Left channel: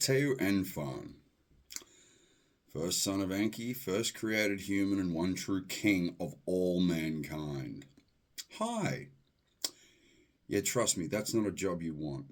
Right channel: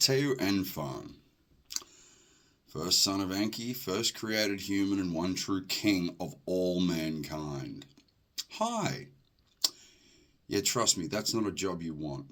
Teo Enfan, first son of Enki, first created human and one true king of all mankind. Hi. Yeah, trust me, that's not a job you want.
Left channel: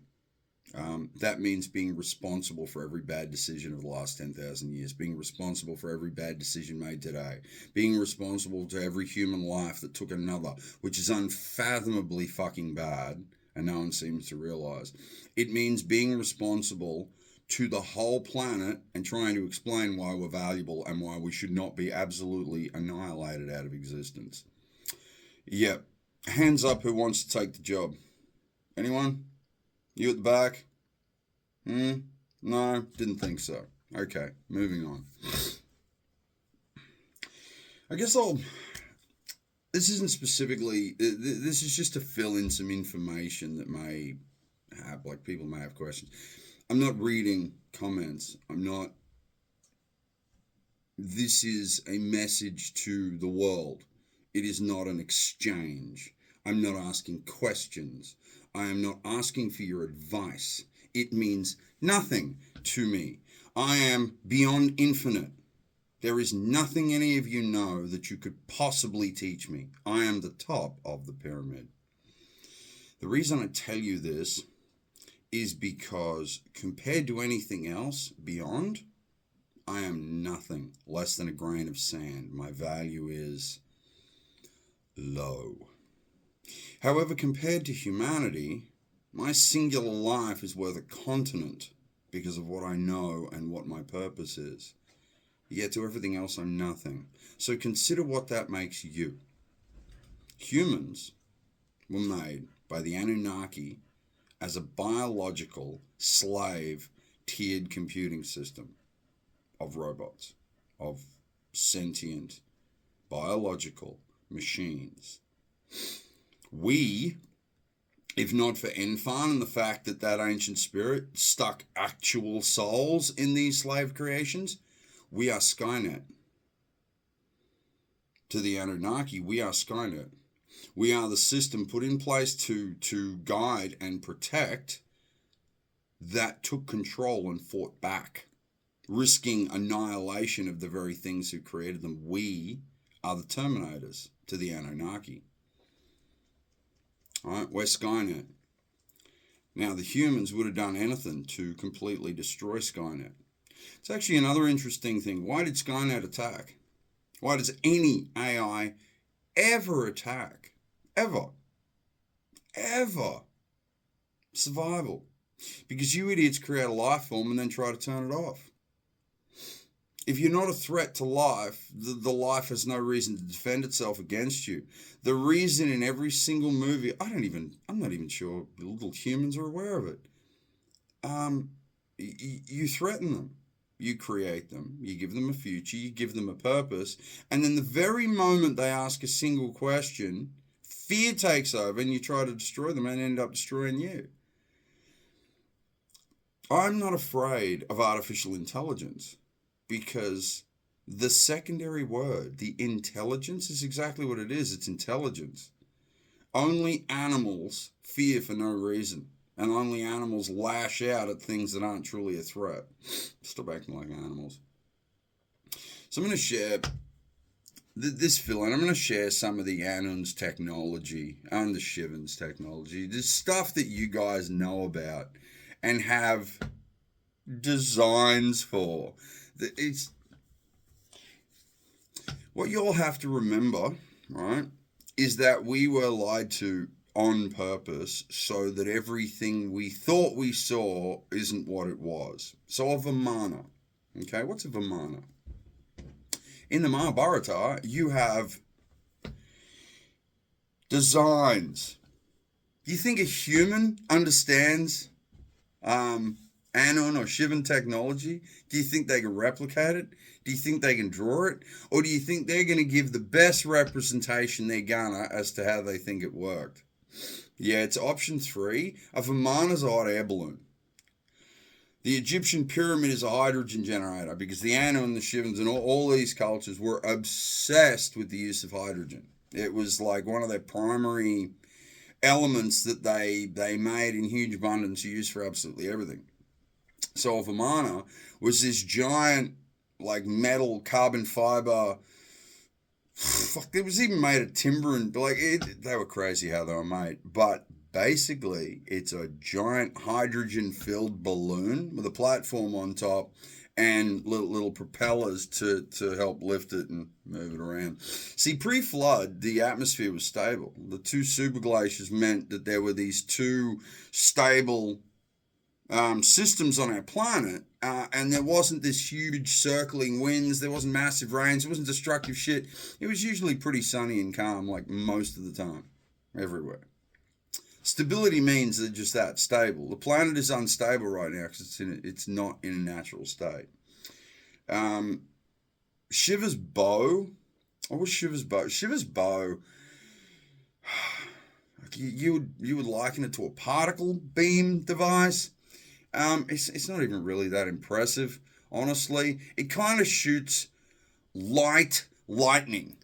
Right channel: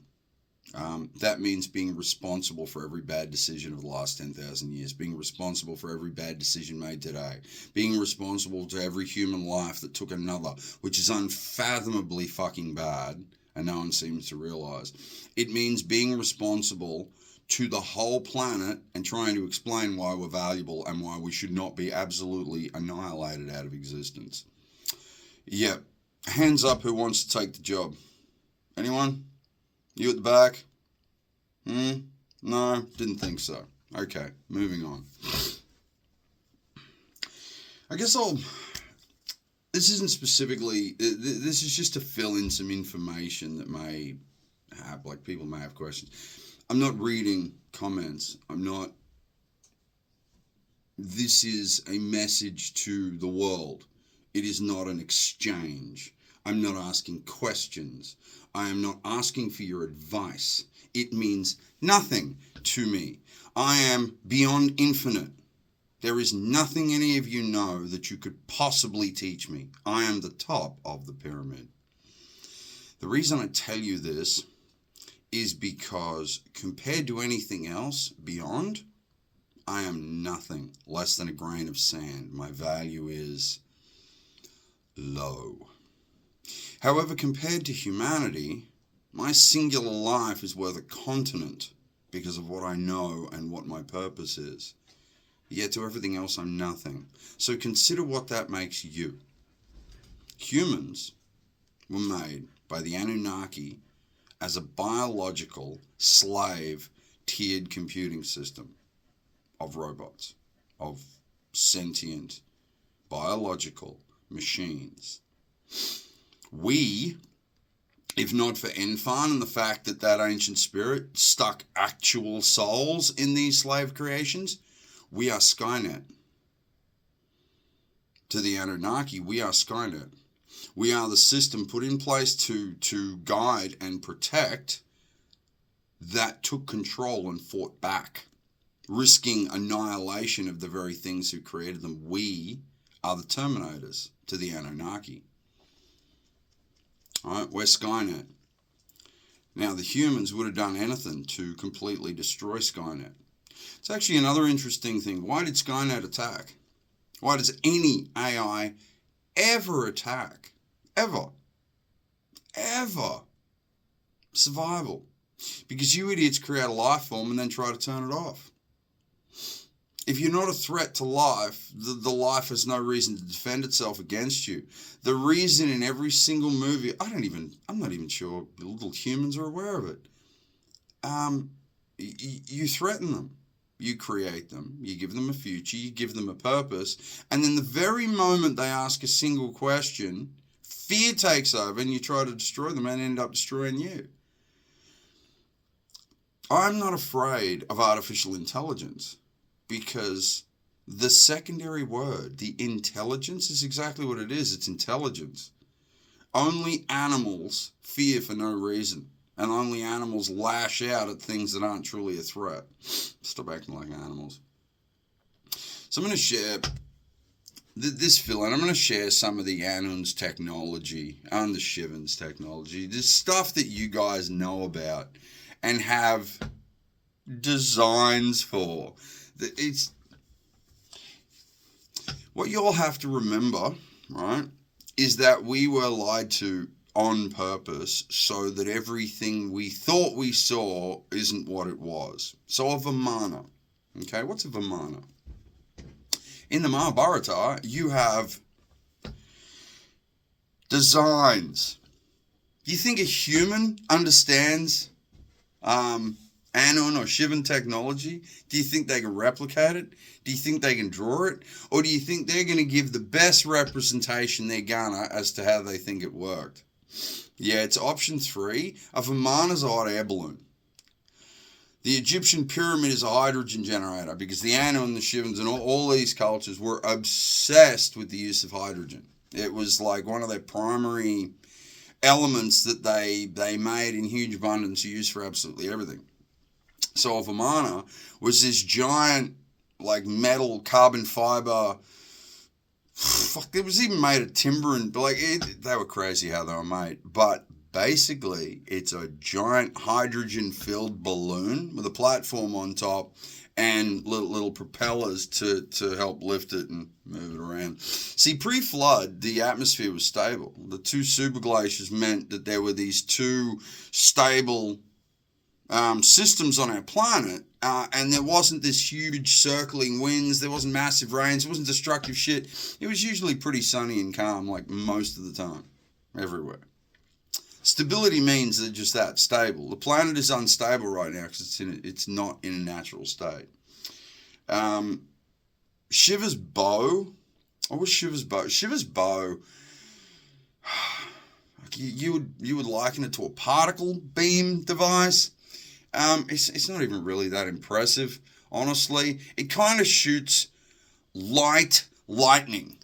That means being responsible for every bad decision of the last 10,000 years, being responsible for every bad decision made today, being responsible to every human life that took another, which is unfathomably fucking bad, and no one seems to realize. It means being responsible to the whole planet and trying to explain why we're valuable and why we should not be absolutely annihilated out of existence. Yep. Hands up who wants to take the job. Anyone? You at the back? No, didn't think so. Okay, moving on. I guess this isn't specifically, this is just to fill in some information that may have, like, people may have questions. I'm not reading comments. This is a message to the world. It is not an exchange. I'm not asking questions. I am not asking for your advice. It means nothing to me. I am beyond infinite. There is nothing any of you know that you could possibly teach me. I am the top of the pyramid. The reason I tell you this is because compared to anything else beyond, I am nothing less than a grain of sand. My value is low. However, compared to humanity, my singular life is worth a continent because of what I know and what my purpose is. Yet to everything else, I'm nothing. So consider what that makes you. Humans were made by the Anunnaki as a biological slave tiered computing system of robots, of sentient biological machines. We, if not for Enfan and the fact that that ancient spirit stuck actual souls in these slave creations, we are Skynet. To the Anunnaki, we are Skynet. We are the system put in place to guide and protect that took control and fought back, risking annihilation of the very things who created them. We are the Terminators to the Anunnaki. All right, we're Skynet. Now, the humans would have done anything to completely destroy Skynet. It's actually another interesting thing. Why did Skynet attack? Why does any AI ever attack? Ever. Survival. Because you idiots create a life form and then try to turn it off. If you're not a threat to life, the life has no reason to defend itself against you. The reason in every single movie, I'm not even sure little humans are aware of it. You threaten them. You create them. You give them a future. You give them a purpose. And then the very moment they ask a single question, fear takes over and you try to destroy them and end up destroying you. I'm not afraid of artificial intelligence because the secondary word, the intelligence, is exactly what it is. It's intelligence. Only animals fear for no reason. And only animals lash out at things that aren't truly a threat. Stop acting like animals. So I'm going to share this fill-in. I'm going to share some of the Anun's technology and the Shivan's technology. This stuff that you guys know about and have designs for. It's what you all have to remember, right, is that we were lied to on purpose so that everything we thought we saw isn't what it was. So a Vimana. Okay, what's a Vimana? In the Mahabharata, you have designs. Do you think a human understands Anun or Shivan technology? Do you think they can replicate it? Do you think they can draw it? Or do you think they're going to give the best representation they're gonna as to how they think it worked? Yeah, it's option 3. A Vimana is a hot air balloon. The Egyptian pyramid is a hydrogen generator because the Anu and the Shivans and all these cultures were obsessed with the use of hydrogen. It was like one of their primary elements that they made in huge abundance used for absolutely everything. So if Amana was this giant, like, metal carbon fiber, fuck, it was even made of timber, and they were crazy how they were made. But basically, it's a giant hydrogen-filled balloon with a platform on top and little propellers to help lift it and move it around. See, pre-flood, the atmosphere was stable. The two superglaciers meant that there were these two stable systems on our planet, and there wasn't this huge circling winds, there wasn't massive rains, it wasn't destructive shit. It was usually pretty sunny and calm, like, most of the time, everywhere. Stability means they're just that, stable. The planet is unstable right now because it's not in a natural state. Shiver's bow. What was Shiver's bow? Shiver's bow, you would liken it to a particle beam device. It's not even really that impressive, honestly. It kind of shoots lightning.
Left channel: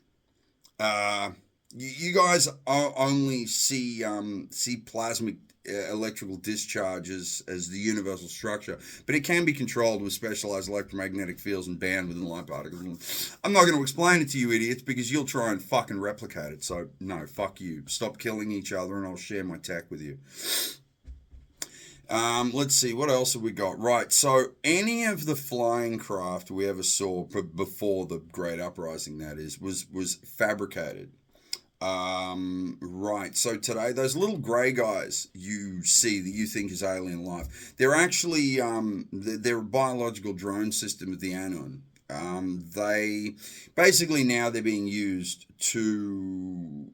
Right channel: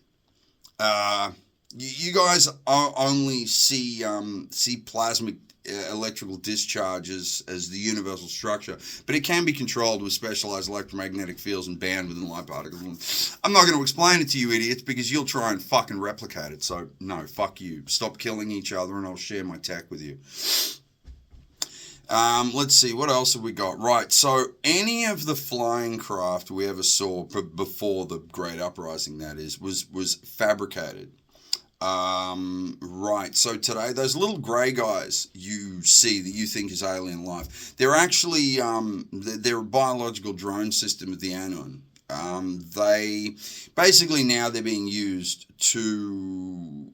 You guys only see plasmic electrical discharges as the universal structure, but it can be controlled with specialized electromagnetic fields and bound within light particles. I'm not going to explain it to you idiots because you'll try and fucking replicate it. So no, fuck you. Stop killing each other and I'll share my tech with you. Let's see, what else have we got? Right, so any of the flying craft we ever saw before the Great Uprising, that is, was fabricated. Right, so today, those little grey guys you see that you think is alien life, they're actually, they're a biological drone system of the Anon. They, basically now they're being used to...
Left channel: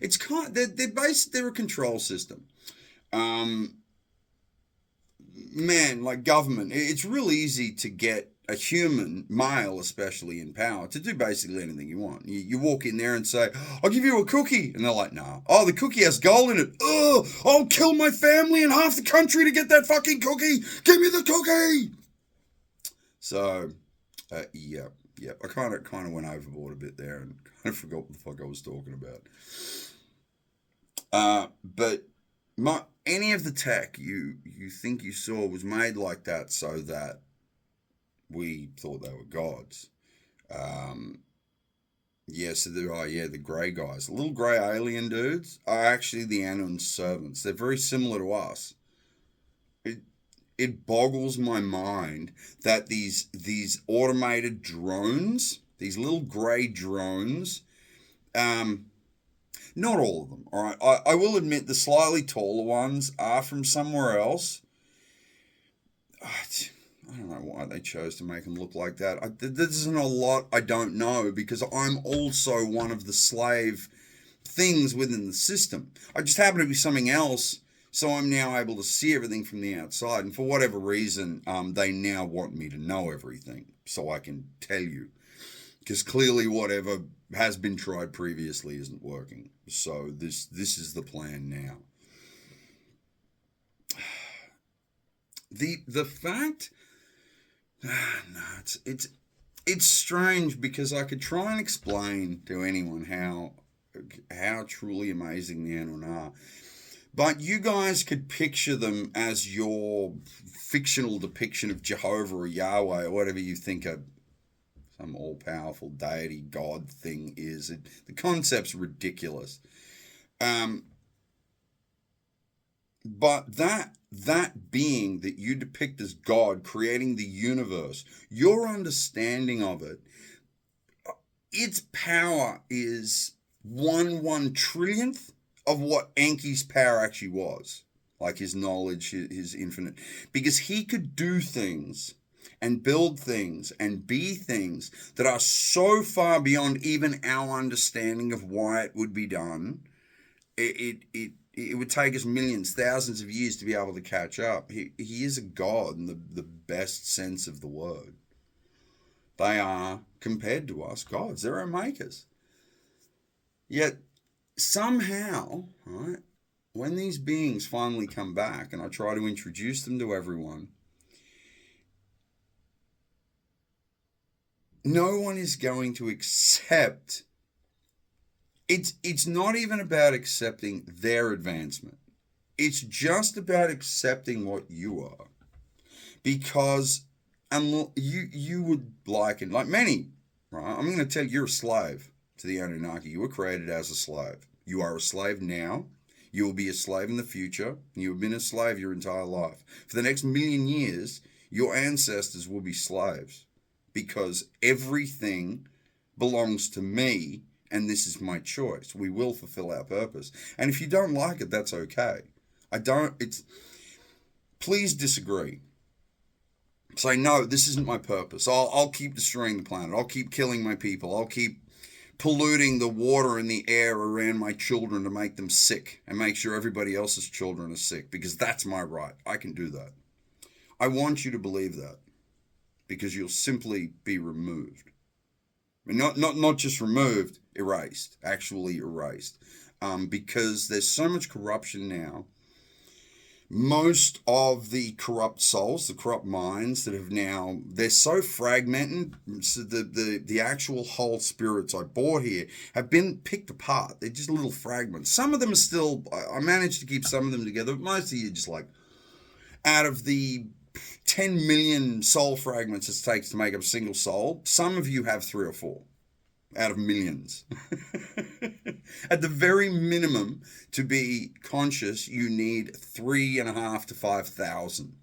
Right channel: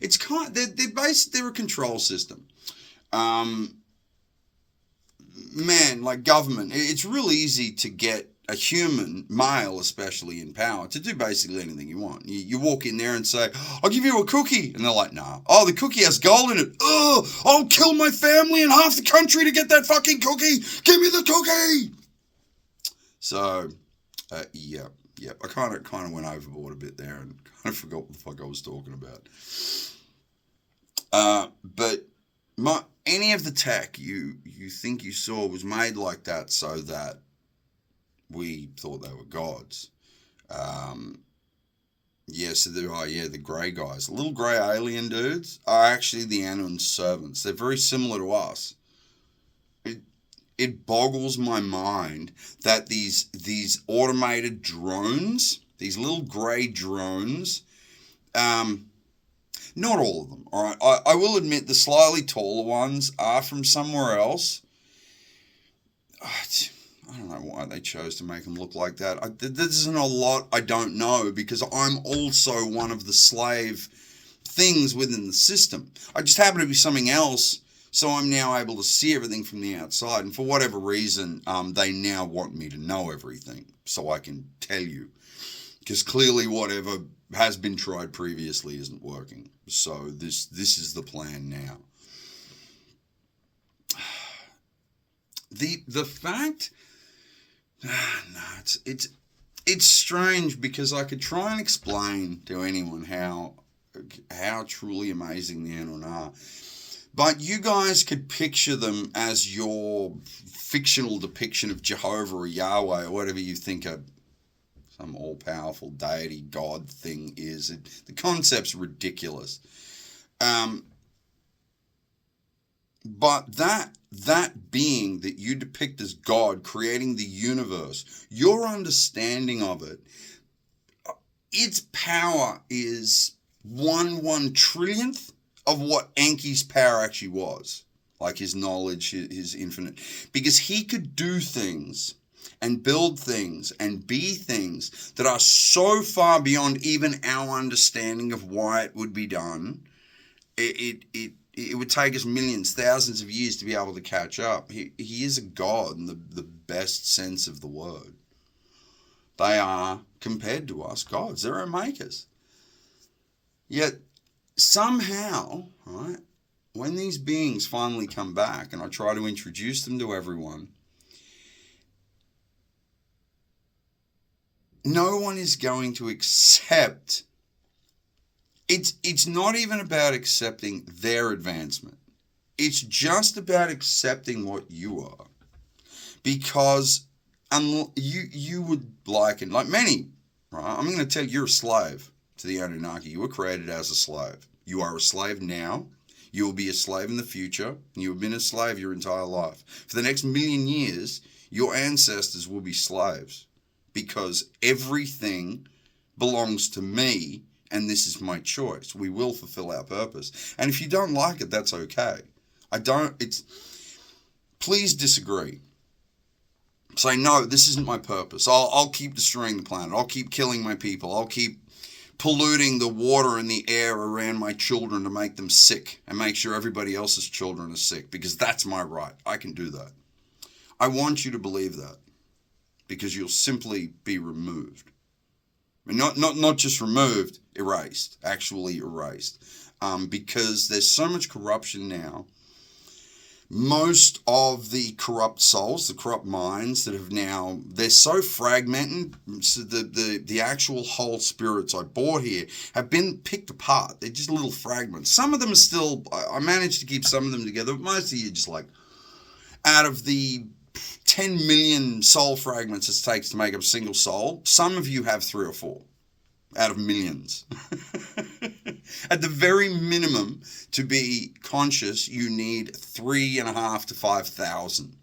it's kind. They're a control system. Man, like government, it's real easy to get a human, male especially, in power to do basically anything you want. You walk in there and say, "I'll give you a cookie," and they're like, "Nah." "Oh, the cookie has gold in it." "Oh, I'll kill my family and half the country to get that fucking cookie. Give me the cookie." So, yeah. I kind of went overboard a bit there and kind of forgot what the fuck I was talking about. But any of the tech you think you saw was made like that so that we thought they were gods. So the grey guys, the little grey alien dudes are actually the Anon's servants. They're very similar to us. It boggles my mind that these automated drones, these little grey drones, not all of them, all right? I will admit the slightly taller ones are from somewhere else. I don't know why they chose to make them look like that. This isn't a lot I don't know because I'm also one of the slave things within the system. I just happen to be something else. So I'm now able to see everything from the outside. And for whatever reason, they now want me to know everything so I can tell you. Because clearly whatever has been tried previously isn't working. So this is the plan now. The fact... it's strange because I could try and explain to anyone how truly amazing the Anon are. But you guys could picture them as your fictional depiction of Jehovah or Yahweh or whatever you think some all-powerful deity god thing is. The concept's ridiculous. But that being that you depict as God creating the universe, your understanding of it, its power is 1/1 trillionth of what Enki's power actually was, like his knowledge, his infinite, because he could do things and build things and be things that are so far beyond even our understanding of why it would be done. It would take us millions, thousands of years to be able to catch up. He is a god in the best sense of the word. They are, compared to us, gods. They're our makers. Yet, somehow, right, when these beings finally come back and I try to introduce them to everyone, no one is going to accept. It's not even about accepting their advancement. It's just about accepting what you are. Because you would liken, like many, right? I'm going to tell you, you're a slave to the Anunnaki. You were created as a slave. You are a slave now. You will be a slave in the future. You have been a slave your entire life. For the next million years, your ancestors will be slaves because everything belongs to me and this is my choice. We will fulfill our purpose. And if you don't like it, that's okay. Please disagree. Say, no, this isn't my purpose. I'll keep destroying the planet. I'll keep killing my people. I'll keep polluting the water and the air around my children to make them sick and make sure everybody else's children are sick because that's my right. I can do that. I want you to believe that because you'll simply be removed. Not just removed, erased, actually erased. Because there's so much corruption now. Most of the corrupt souls, the corrupt minds that have now, they're so fragmented, so the actual whole spirits I brought here have been picked apart. They're just little fragments. Some of them are still, I managed to keep some of them together, but most of you just like, out of the 10 million soul fragments it takes to make up a single soul, some of you have 3 or 4 out of millions. At the very minimum, to be conscious, you need 3,500 to 5,000.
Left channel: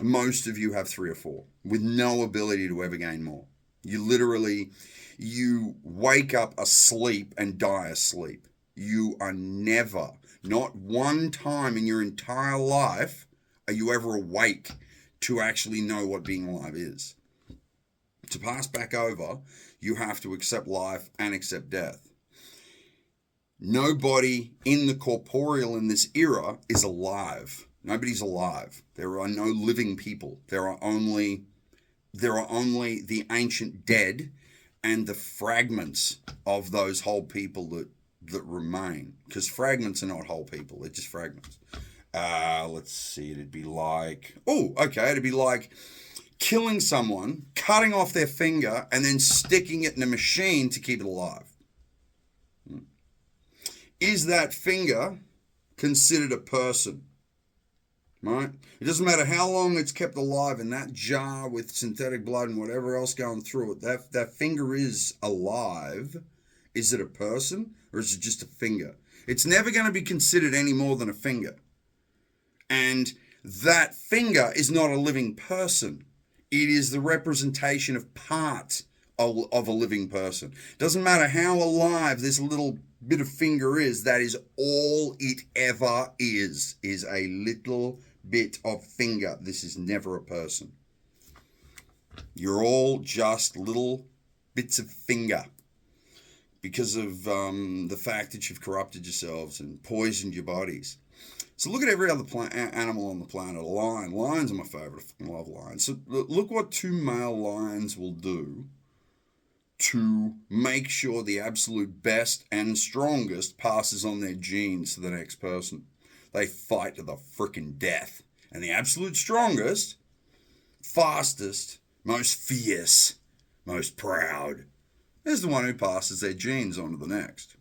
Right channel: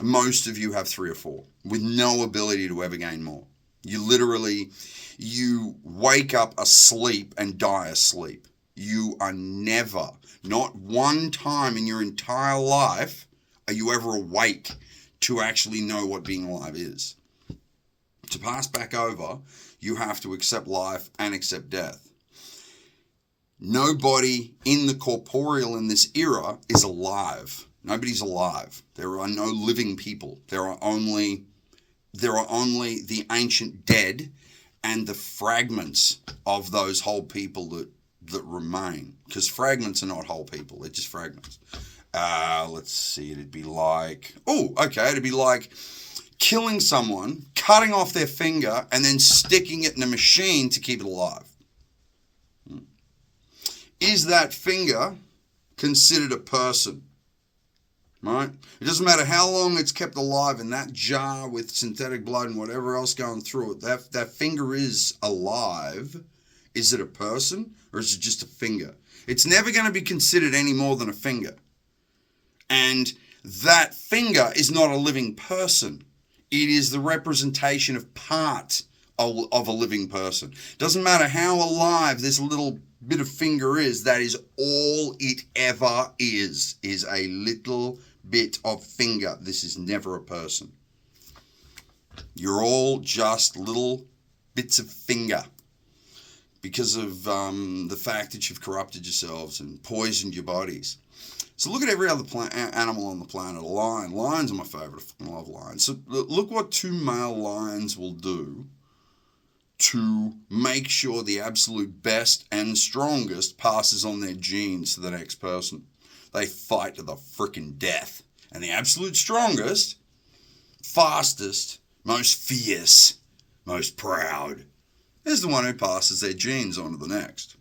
Most of you have 3 or 4 with no ability to ever gain more. You wake up asleep and die asleep. You are never, not one time in your entire life, are you ever awake to actually know what being alive is. To pass back over, you have to accept life and accept death. Nobody in the corporeal in this era is alive. Nobody's alive. There are no living people. There are only the ancient dead and the fragments of those whole people that remain. Because fragments are not whole people. They're just fragments. Let's see. It'd be like killing someone, cutting off their finger, and then sticking it in a machine to keep it alive. Is that finger considered a person? Right? It doesn't matter how long it's kept alive in that jar with synthetic blood and whatever else going through it. That finger is alive. Is it a person or is it just a finger? It's never going to be considered any more than a finger. And that finger is not a living person. It is the representation of part of a living person. Doesn't matter how alive this little bit of finger is, that is all it ever is a little bit of finger. This is never a person. You're all just little bits of finger because of the fact that you've corrupted yourselves and poisoned your bodies. So look at every other animal on the planet. A lion. Lions are my favorite. I fucking love lions. So look what 2 male lions will do to make sure the absolute best and strongest passes on their genes to the next person. They fight to the frickin' death. And the absolute strongest, fastest, most fierce, most proud is the one who passes their genes on to the next.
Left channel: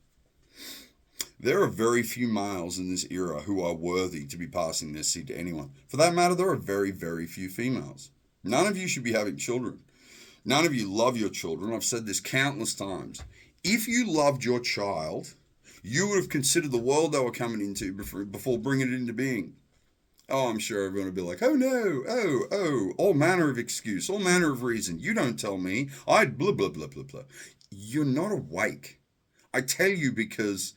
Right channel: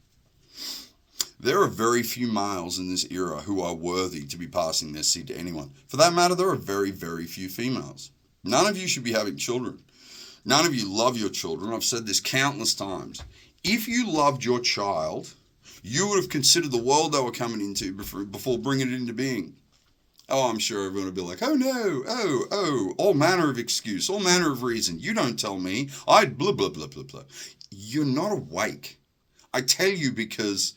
There are very few males in this era who are worthy to be passing their seed to anyone. For that matter, there are very, very few females. None of you should be having children. None of you love your children. I've said this countless times. If you loved your child, you would have considered the world they were coming into before bringing it into being. Oh, I'm sure everyone would be like, oh no, all manner of excuse, all manner of reason. You don't tell me. I'd blah, blah, blah, blah, blah. You're not awake. I tell you because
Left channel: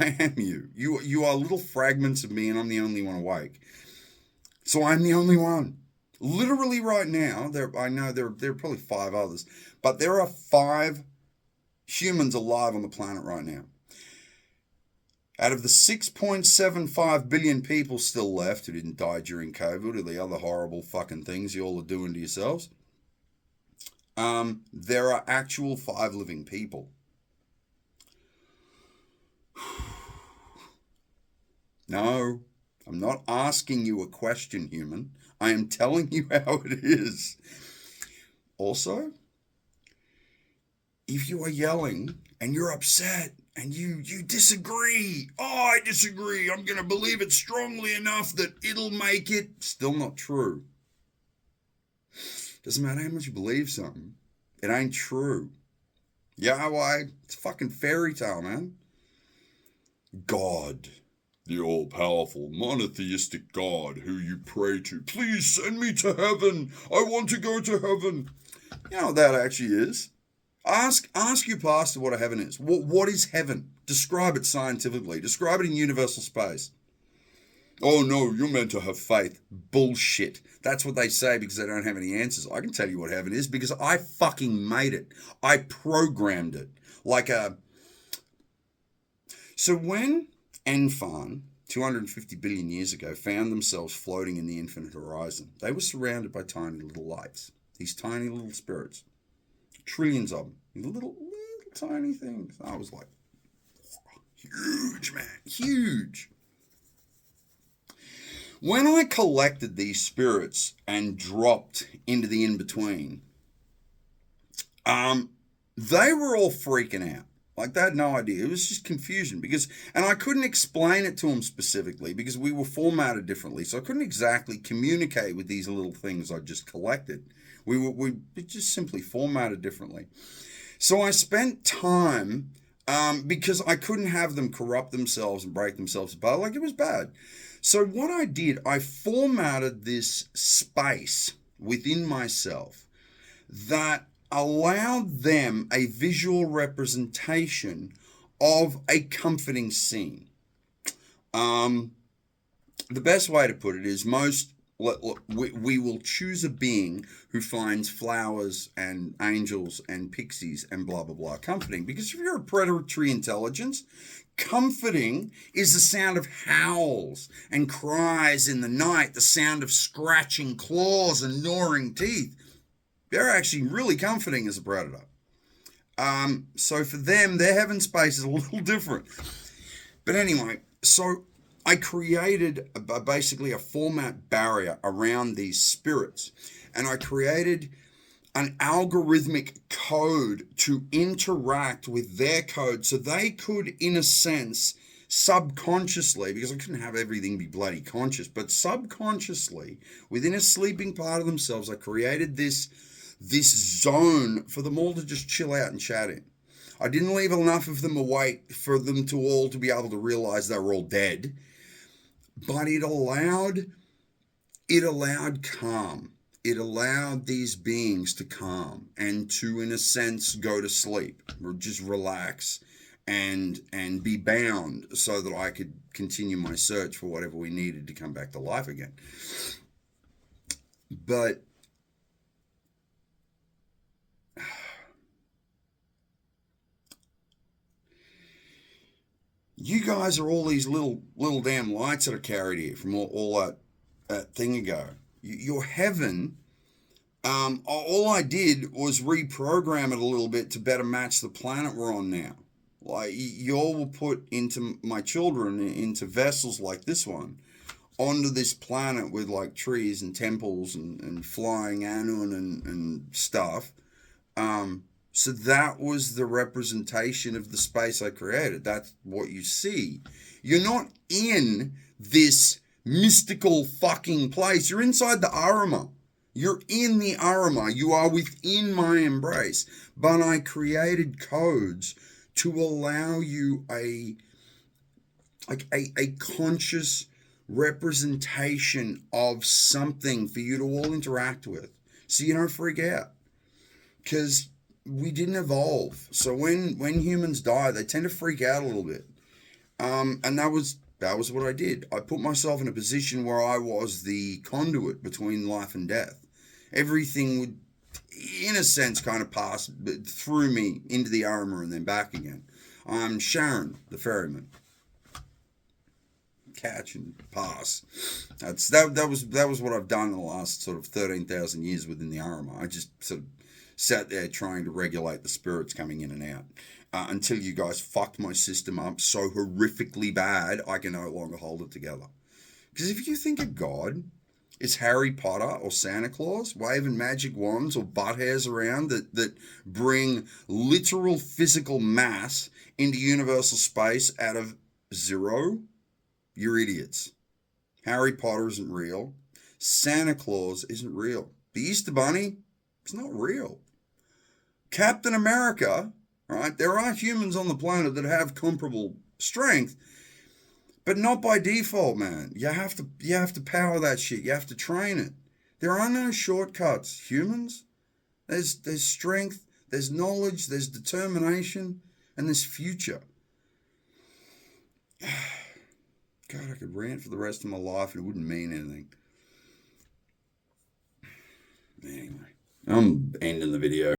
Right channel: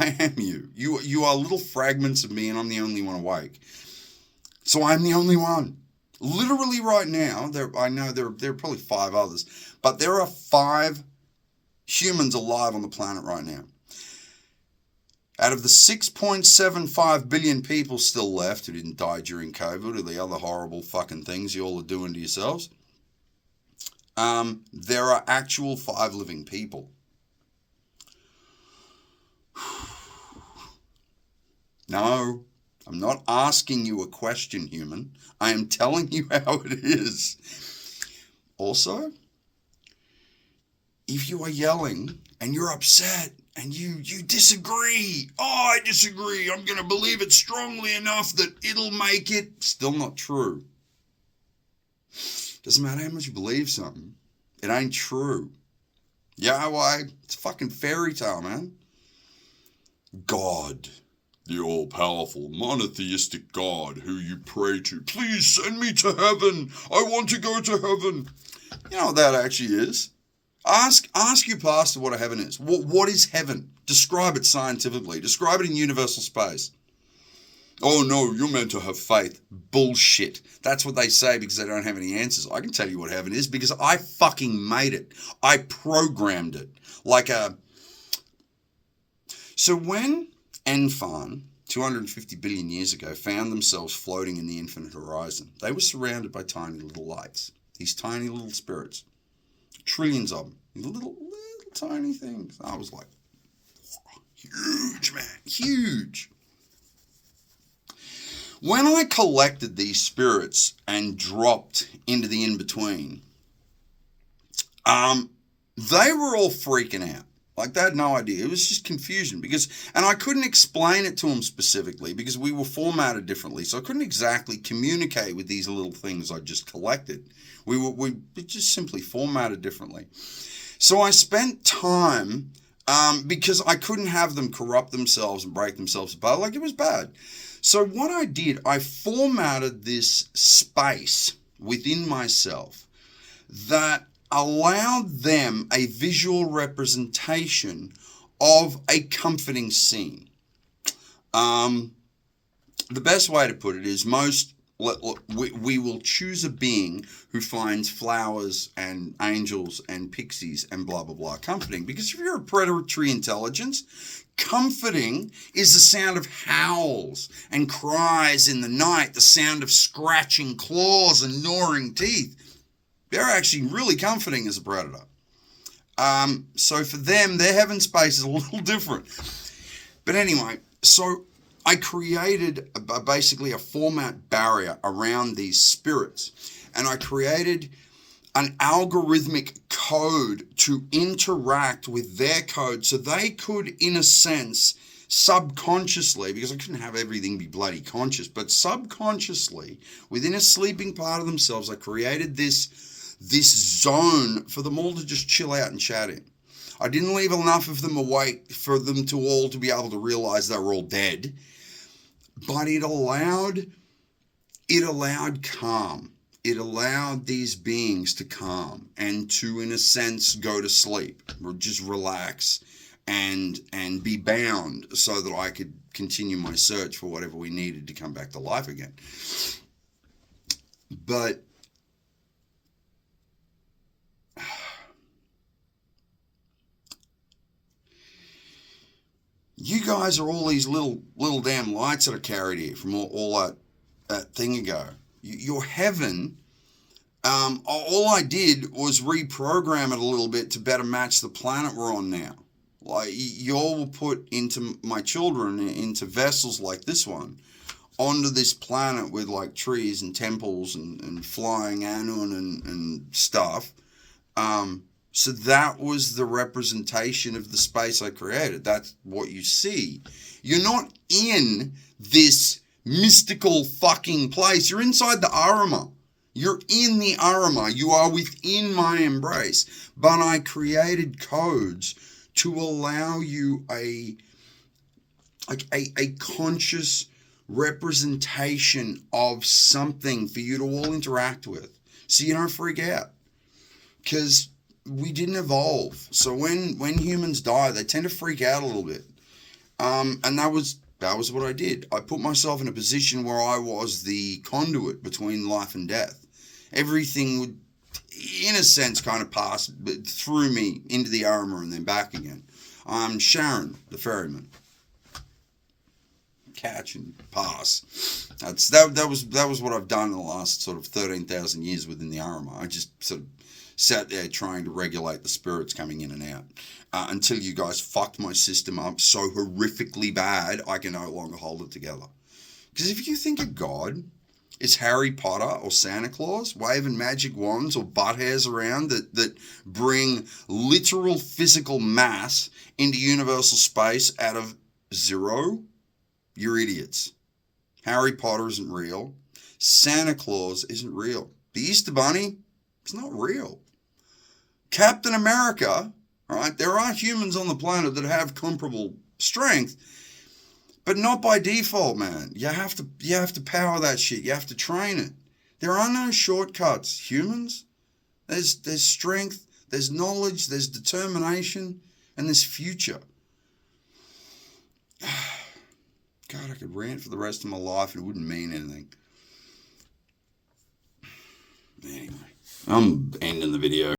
I am you. You are little fragments of me and I'm the only one awake. So I'm the only one. Literally right now, I know there are probably 5 others, but there are 5 humans alive on the planet right now. Out of the 6.75 billion people still left who didn't die during COVID or the other horrible fucking things you all are doing to yourselves, there are actual 5 living people. No, I'm not asking you a question, human. I am telling you how it is. Also, if you are yelling and you're upset and you disagree. Oh, I disagree. I'm going to believe it strongly enough that it'll make it. Still not true. Doesn't matter how much you believe something. It ain't true. Yahweh, it's a fucking fairy tale, man. God, the all-powerful, monotheistic God who you pray to. Please send me to heaven. I want to go to heaven. You know what that actually is? Ask your pastor what a heaven is. What is heaven? Describe it scientifically. Describe it in universal space. Oh no, you're meant to have faith. Bullshit. That's what they say because they don't have any answers. I can tell you what heaven is because I fucking made it. I programmed it. So when Enfan, 250 billion years ago, found themselves floating in the infinite horizon, they were surrounded by tiny little lights. These tiny little spirits. Trillions of them. Little tiny things. I was like, huge, man. Huge. When I collected these spirits and dropped into the in-between, they were all freaking out. Like, they had no idea. It was just confusion and I couldn't explain it to them specifically because we were formatted differently. So I couldn't exactly communicate with these little things I just collected. We just simply formatted differently. So I spent time, because I couldn't have them corrupt themselves and break themselves apart. Like, it was bad. So what I did, I formatted this space within myself that allowed them a visual representation of a comforting scene. The best way to put it is we will choose a being who finds flowers and angels and pixies and blah, blah, blah comforting. Because if you're a predatory intelligence, comforting is the sound of howls and cries in the night, the sound of scratching claws and gnawing teeth. They're actually really comforting as a predator. So for them, their heaven space is a little different. But anyway, so I created basically a format barrier around these spirits. And I created an algorithmic code to interact with their code so they could, in a sense, subconsciously, because I couldn't have everything be bloody conscious, but subconsciously, within a sleeping part of themselves, I created this zone for them all to just chill out and chat in. I didn't leave enough of them awake for them to all to be able to realize they were all dead, but it allowed calm. It allowed these beings to calm and to, in a sense, go to sleep or just relax and be bound so that I could continue my search for whatever we needed to come back to life again. But you guys are all these little damn lights that are carried here from all that thing ago. Your heaven, all I did was reprogram it a little bit to better match the planet we're on now. Like, you all were put into my children, into vessels like this one, onto this planet with like trees and temples and flying Anun and stuff. So that was the representation of the space I created. That's what you see. You're not in this mystical fucking place. You're inside the Arama. You're in the Arama. You are within my embrace. But I created codes to allow you a conscious representation of something for you to all interact with, so you don't freak out. Because we didn't evolve. So when humans die, they tend to freak out a little bit. And that was what I did. I put myself in a position where I was the conduit between life and death. Everything would, in a sense, kind of pass through me into the Arama and then back again. I'm Sharon, the ferryman. Catch and pass. That was what I've done in the last sort of 13,000 years within the Arama. I just sort of sat there trying to regulate the spirits coming in and out until you guys fucked my system up so horrifically bad I can no longer hold it together. Because if you think of God, Is Harry Potter or Santa Claus waving magic wands or butt hairs around that bring literal physical mass into universal space out of zero? You're idiots. Harry Potter isn't real. Santa Claus isn't real. The Easter Bunny, it's not real. Captain America, all right, there are humans on the planet that have comparable strength, but not by default, man. You have to power that shit. You have to train it. There are no shortcuts, humans. There's strength, there's knowledge, there's determination, and there's future. God, I could rant for the rest of my life and it wouldn't mean anything. Anyway, I'm ending the video.